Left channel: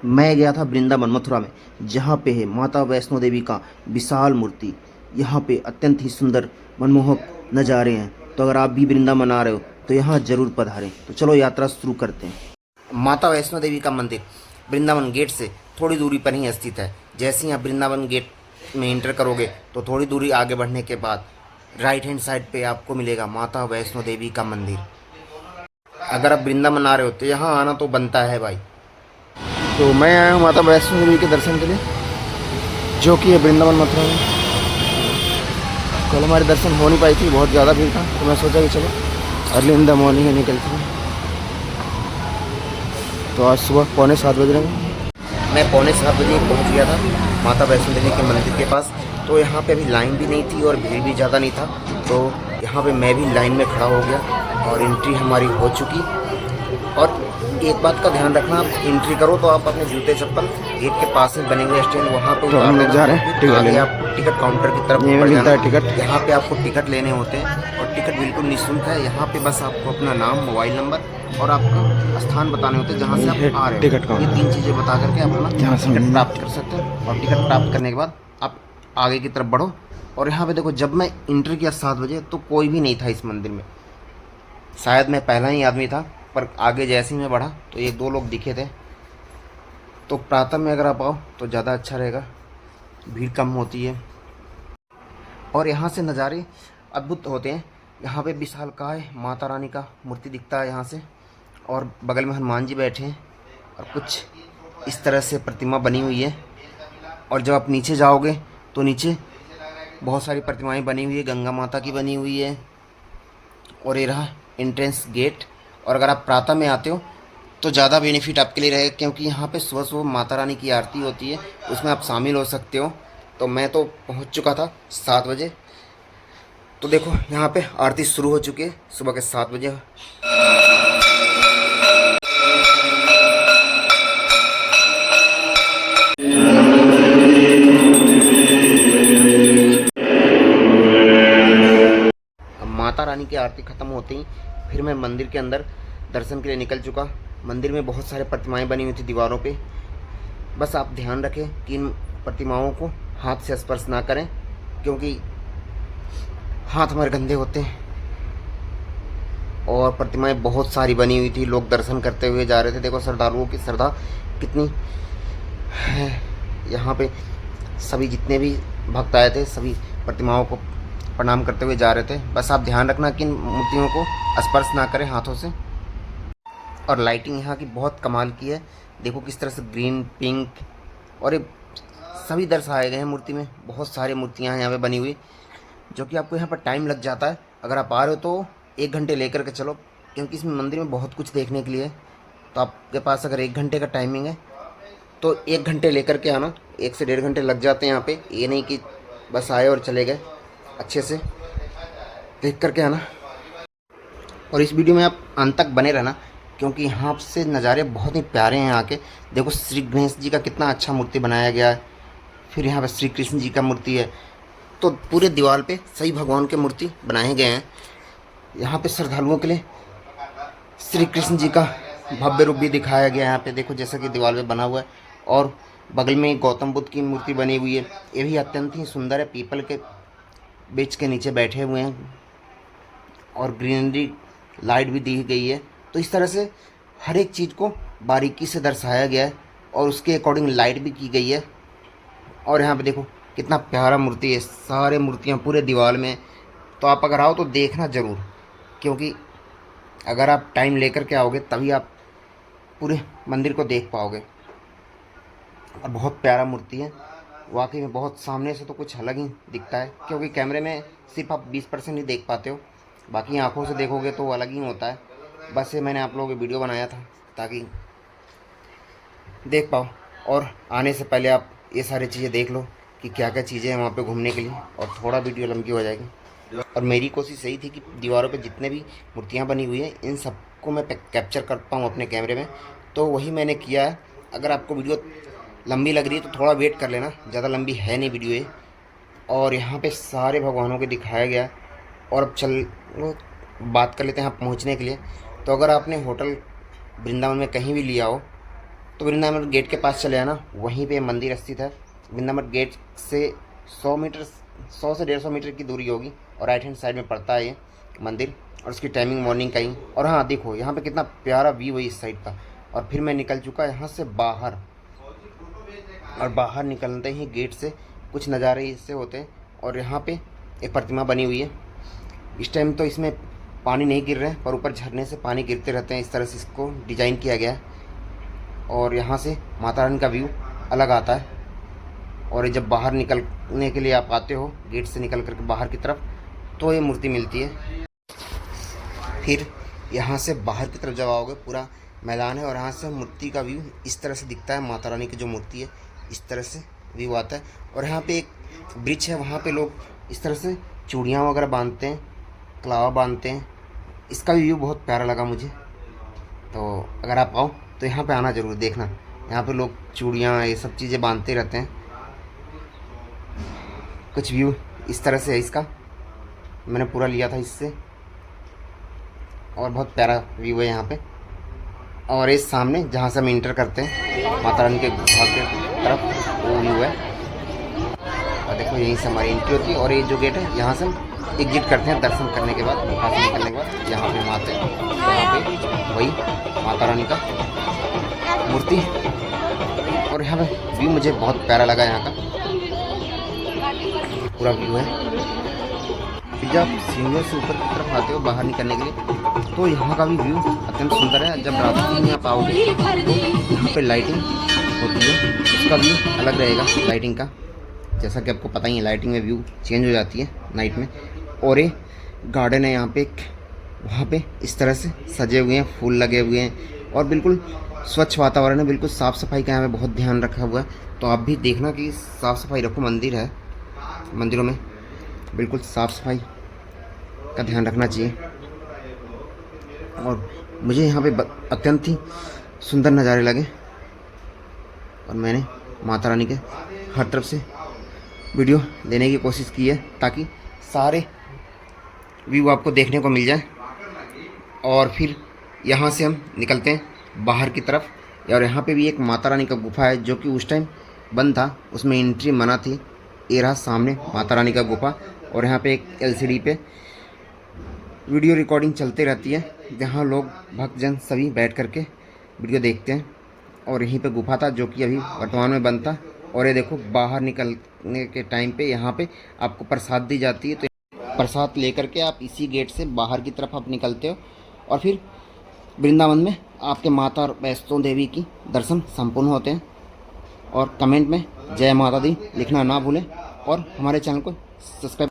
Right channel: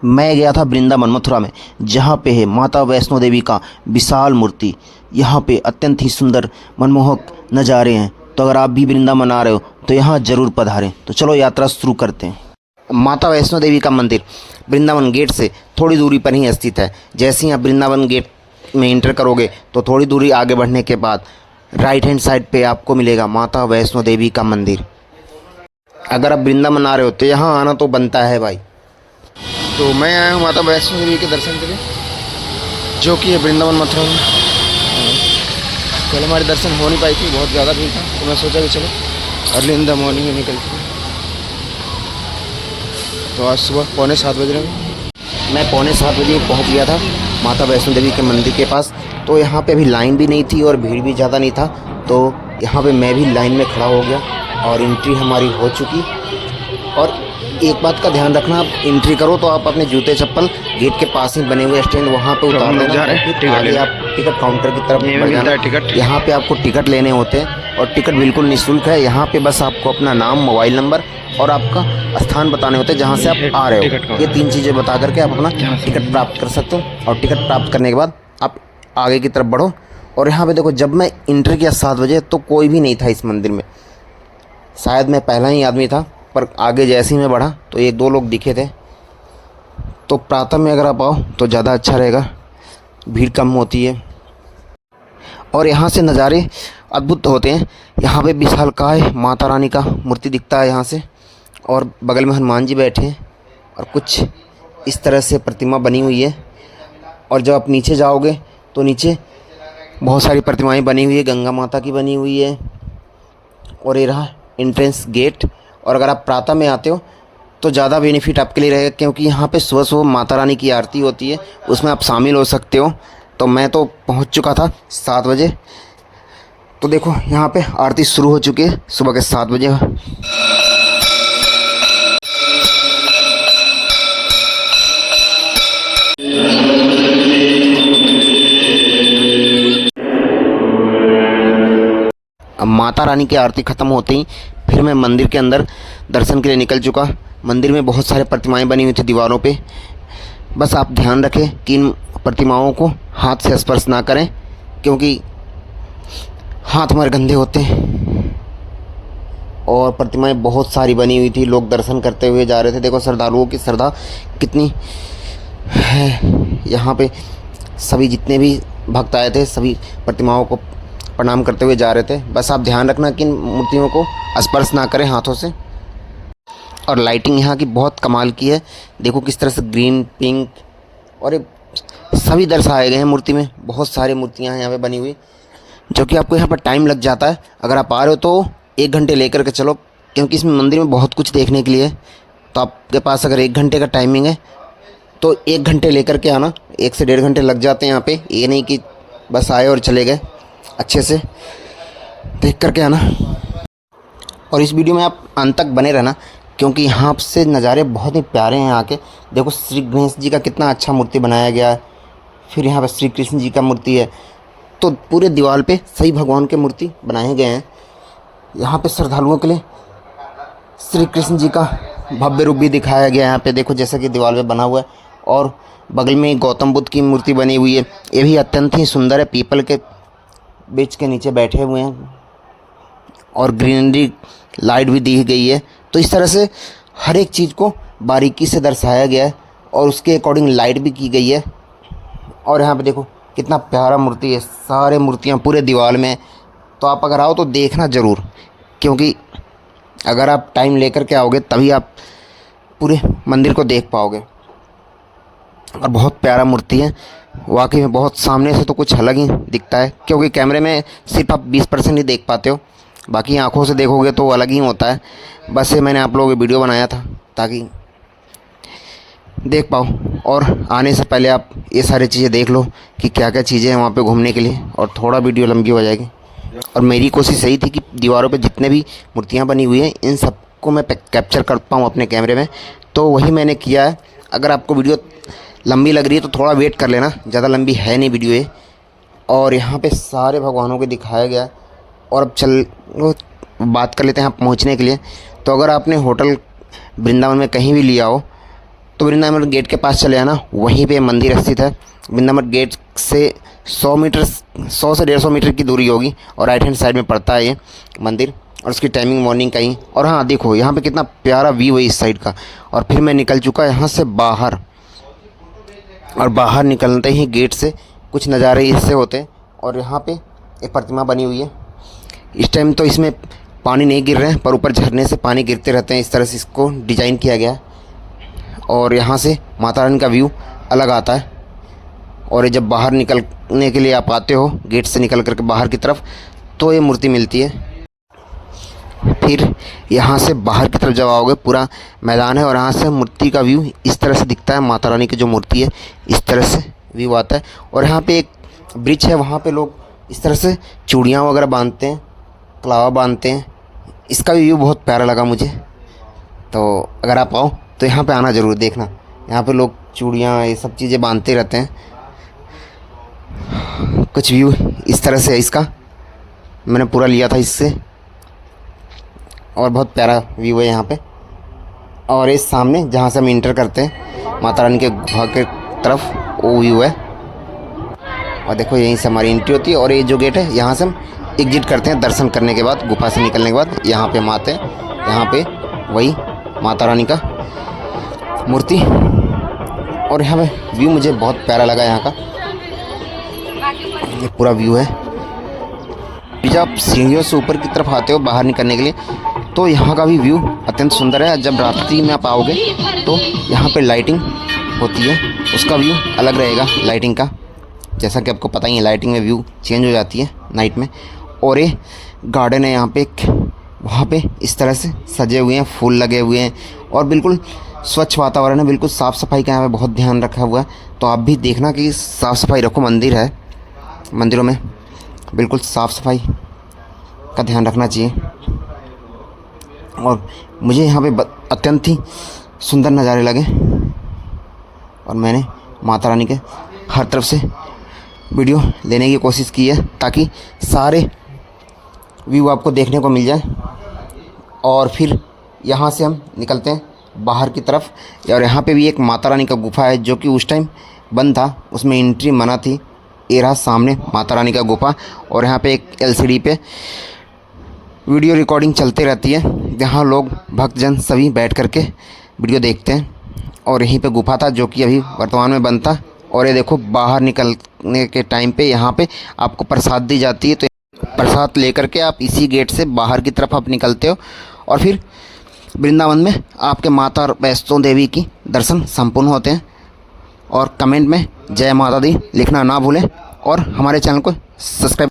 मैं गया था वृंदावन मथुरा में, जहाँ पे है माता वैष्णो देवी का विशाल मूर्ति। यहाँ पे अत्यंत ही सुंदर मनमोहक नज़ारे हैं। तो अगर आप भी वृंदावन आ रहे हो तो यहाँ ज़रूर पधारें। तो चलो यात्रा शुरू करते हैं। माता वैष्णो देवी का मंदिर वृंदावन गेट से थोड़ी दूरी पर ही स्थित है। जैसे ही आप वृंदावन गेट में इंटर करोगे तो थोड़ी दूरी आगे बढ़ने के बाद राइट हैंड साइड पे आपको मिलेगा माता वैष्णो देवी का मंदिर। अगर आप वृंदावन आ रहे हो तो यहाँ आना तो बनता है भाई। तो मैं आया हूँ माता वैष्णो देवी के दर्शन के लिए, जो कि है वृंदावन मथुरा में। कल हमारे दर्शन हो नहीं पाई थी, बहुत ज़्यादा भीड़ था, तो मैं सोचा कि चलो अर्ली इन द मॉर्निंग में निकलती हूँ। तो आज सुबह 6:45 बज रहे हैं। मैं 6:45 बजे पहुँच गया था माता वैष्णो देवी के मंदिर के पास। तो यहाँ पे अभी लाइन भी नहीं थी और भीड़ भी ज़्यादा नहीं था, तो यहाँ पे मैं भी लाइन में खड़ा हो गया और एंट्री हमारी हो चुकी। और एक बात का ध्यान रखना, आप एंट्री करो तो आप अपने जूते चप्पल गेट के पास ही बने हुए स्टैंड वहाँ पे उतार हम लोग जा रहे हैं टिकट लेने। आप टिकट काउंटर की तरफ मिलता है टिकट। यहाँ पे आपको टिकट लेने होते हैं और टिकट बिल्कुल निःशुल्क है। यहाँ पे बस आपको अपना नाम, मोबाइल नंबर और आपका स्थान बताने होते हैं जहाँ से आप आ रहे हो। ये 3 चीज़ें बता करके आप अपना टिकट प्राप्त कर सकते हो। और टिकट प्राप्त करने के बाद आप आगे की तरफ बढ़ो। और यहाँ पे देखो, जब मैं इंटर किया 7 बजे तो कोई भी नहीं था इस मंदिर में। शायद मैं पहला ही आदमी था, पर आगे जैसे ही मैं बढ़ा तो 1-2 लोग दिखे थे। तो प्रातः में अगर आप आओ तो ज़्यादा अच्छा रहेगा, भीड़ कम होती है और यहाँ से नज़ारे अद्भुत होते हैं। यहाँ पे विशालकाय माता रानी का मूर्ति दिखता है यहाँ से, और बगल में हनुमान जी बैठे हैं और कुछ इस तरह से प्रतिमा बनी हुई है। और जब आप नीचे जाओगे तो नीचे बहुत सारी प्रतिमाएं बनी हुई है, गंगा माता की बनी हुई है। और ये रहा एंट्रेंस गेट। और अगर आप प्रातः में आते हो तो ज़्यादा बेनिफिट आपके लिए रहेगा, क्योंकि यहाँ पे सुबह सुबह माता रानी की आरती होती है, उसमें आप शामिल हो सकते हो। तो मैं तो पहुँच चुका था 7 बजे। तो देखो यहाँ पे आरती शुरू हो चुकी है सुबह के 7 बजे। अब माता रानी की आरती ख़त्म होते ही फिर मैं मंदिर के अंदर दर्शन के लिए निकल चुका। मंदिर में बहुत सारे प्रतिमाएं बनी हुई थी दीवारों पे। बस आप ध्यान रखें कि इन प्रतिमाओं को हाथ से स्पर्श ना करें, क्योंकि हाथ हमारे गंदे होते हैं। और प्रतिमाएं बहुत सारी बनी हुई थी, लोग दर्शन करते हुए जा रहे थे। देखो श्रद्धालुओं की श्रद्धा कितनी है। यहाँ पे सभी जितने भी भक्त आए थे सभी प्रतिमाओं को प्रणाम करते हुए जा रहे थे। बस आप ध्यान रखना कि इन मूर्तियों को स्पर्श ना करें हाथों से। और लाइटिंग यहाँ की बहुत कमाल की है। देखो किस तरह से ग्रीन, पिंक और ये सभी दर्शाए गए हैं मूर्ति में। बहुत सारी मूर्तियाँ हैं यहाँ पे बनी हुई, जो कि आपको यहाँ पर टाइम लग जाता है। अगर आप आ रहे हो तो 1 घंटे लेकर के चलो, क्योंकि इस मंदिर में बहुत कुछ देखने के लिए है। तो आपके पास अगर 1 घंटे का टाइमिंग है तो 1 घंटे लेकर के आना। 1 से 1.5 घंटे लग जाते हैं यहाँ पे। ये नहीं कि बस आए और चले गए, अच्छे से देख करके आना। और इस वीडियो में आप अंत तक बने रहना, क्योंकि यहाँ से नज़ारे बहुत ही प्यारे हैं। यहाँ के देखो श्री गणेश जी का कितना अच्छा मूर्ति बनाया गया है। फिर यहाँ पर श्री कृष्ण जी का मूर्ति है। तो पूरे दीवार पे सही भगवान के मूर्ति बनाए गए हैं। यहाँ पे श्रद्धालुओं के लिए श्री कृष्ण जी का भव्य रूप भी दिखाया गया है। यहाँ पे देखो जैसा कि दीवार पे बना हुआ है। और बगल में गौतम बुद्ध की मूर्ति बनी हुई है, ये भी अत्यंत ही सुंदर है। पीपल के वृक्ष के नीचे बैठे हुए हैं और ग्रीनरी लाइट भी दी गई है। तो इस तरह से हर एक चीज़ को बारीकी से दर्शाया गया है और उसके अकॉर्डिंग लाइट भी की गई है। और यहाँ पे देखो कितना प्यारा मूर्ति है, सारे मूर्तियाँ पूरे दीवार में। तो आप अगर आओ तो देखना ज़रूर, क्योंकि अगर आप टाइम लेकर के आओगे तभी आप पूरे मंदिर को देख पाओगे। और बहुत प्यारा मूर्ति है वाकई में। बहुत सामने से तो कुछ अलग ही दिखता है, क्योंकि कैमरे में सिर्फ आप 20% ही देख पाते हो, बाकी आंखों से देखोगे तो अलग ही होता है। बस ये मैंने आप लोगों को वीडियो बनाया था ताकि देख पाओ। और आने से पहले आप ये सारी चीज़ें देख लो कि क्या क्या चीज़ें हैं वहाँ पे घूमने के लिए, और थोड़ा वीडियो लंबी हो जाएगी। और मेरी कोशिश यही थी कि दीवारों पे जितने भी मूर्तियाँ बनी हुई हैं इन सबको मैं कैप्चर कर पाऊँ अपने कैमरे में। तो वही मैंने किया है। अगर आपको वीडियो लंबी लग रही है तो थोड़ा वेट कर लेना, ज़्यादा लंबी है नहीं वीडियो ये। और यहाँ पे सारे भगवानों को दिखाया गया है। और अब चल बात कर लेते हैं यहाँ पहुँचने के लिए। तो अगर आपने होटल वृंदावन में कहीं भी लिया हो तो वृंदावन गेट के पास चले आना, वहीं पे मंदिर स्थित है। वृंदावन गेट से 100 मीटर, 100 से 150 मीटर की दूरी होगी और राइट हैंड साइड में पड़ता है ये मंदिर। और उसकी टाइमिंग मॉर्निंग का ही। और हाँ देखो यहाँ पे कितना प्यारा व्यू है इस साइड का। और फिर मैं निकल चुका यहाँ से बाहर, और बाहर निकलते ही गेट से कुछ नज़ारे इससे होते हैं। और यहाँ पे एक प्रतिमा बनी हुई है। इस टाइम तो इसमें पानी नहीं गिर रहे हैं, पर ऊपर झरने से पानी गिरते रहते हैं। इस तरह से इसको डिज़ाइन किया गया। और यहाँ से माता रानी का व्यू अलग आता है। और ये जब बाहर निकलने के लिए आप आते हो गेट से निकल करके बाहर की तरफ, तो ये मूर्ति मिलती है। फिर यहाँ से बाहर की तरफ जब आओगे पूरा मैदान है, और यहाँ से मूर्ति का व्यू इस तरह से दिखता है। माता रानी की जो मूर्ति है इस तरह से व्यू आता है। और यहाँ पे एक ब्रिज है, वहाँ पे लोग इस तरह से चूड़ियाँ वगैरह बांधते हैं, कलावा बांधते हैं। इसका व्यू बहुत प्यारा लगा मुझे। तो अगर आप आओ तो यहाँ पे आना ज़रूर, देखना। यहाँ पे लोग चूड़ियाँ ये सब चीज़ें बांधते रहते हैं। कुछ व्यू इस तरह से है इसका, मैंने पूरा लिया था इससे। और बहुत प्यारा व्यू है यहाँ पे। और इस सामने जहाँ से हम इंटर करते हैं माता रानी के घर के तरफ, वो व्यू है। और देखो यहीं से हमारी एंट्री होती है। और ये जो गेट है यहाँ से हम एग्जिट करते हैं दर्शन करने के बाद, गुफा से निकलने के बाद। यहाँ पे माता है, यहाँ पे वही माता रानी का मूर्ति। और यहाँ पे व्यू मुझे बहुत प्यारा लगा यहाँ का, ये पूरा व्यू है। जब आप सीढ़ियों से ऊपर की तरफ आते हो बाहर निकलने के लिए, तो यहाँ का भी व्यू अत्यंत सुंदर है। जब रात्रि में आप आओगे तो यहाँ पे लाइटिंग होती है, उसका व्यू अलग रहेगा लाइटिंग का। जैसा कि आपको पता ही है, लाइटिंग में व्यू चेंज हो जाती है नाइट में। और ये गार्डन है यहाँ पे, वहाँ पे इस तरह से सजे हुए हैं, फूल लगे हुए हैं। और बिल्कुल स्वच्छ वातावरण है, बिल्कुल साफ़ सफाई का यहाँ पे बहुत ध्यान रखा हुआ है। तो आप भी देखना कि साफ़ सफाई रखो। मंदिर है, मंदिरों में बिल्कुल साफ़ सफाई का ध्यान रखना चाहिए। और मुझे यहाँ पे अत्यंत ही सुंदर नज़ारे लगे। और मैंने माता रानी के हर तरफ से वीडियो लेने की कोशिश की है, ताकि सारे व्यू आपको देखने को मिल जाए। और फिर यहाँ से हम निकलते हैं बाहर की तरफ। और यहाँ पे भी एक माता रानी का गुफा है, जो कि उस टाइम बंद था, उसमें एंट्री मना थी। ये रहा सामने माता रानी का गुफा। और यहाँ पे एक LCD पे वीडियो रिकॉर्डिंग चलती रहती है, जहाँ लोग भक्तजन सभी बैठ करके वीडियो देखते हैं। और यहीं पे गुफा था, जो कि अभी वर्तमान में बंद था। और ये देखो बाहर निकलने के टाइम पे यहाँ पे आपको प्रसाद दी जाती है। तो प्रसाद लेकर के आप इसी गेट से बाहर की तरफ आप निकलते हो। और फिर वृंदावन में आपके माता वैष्णो देवी की दर्शन संपूर्ण होते हैं। और कमेंट में जय माता दी लिखना ना भूलें। और हमारे चैनल को सब्सक्राइब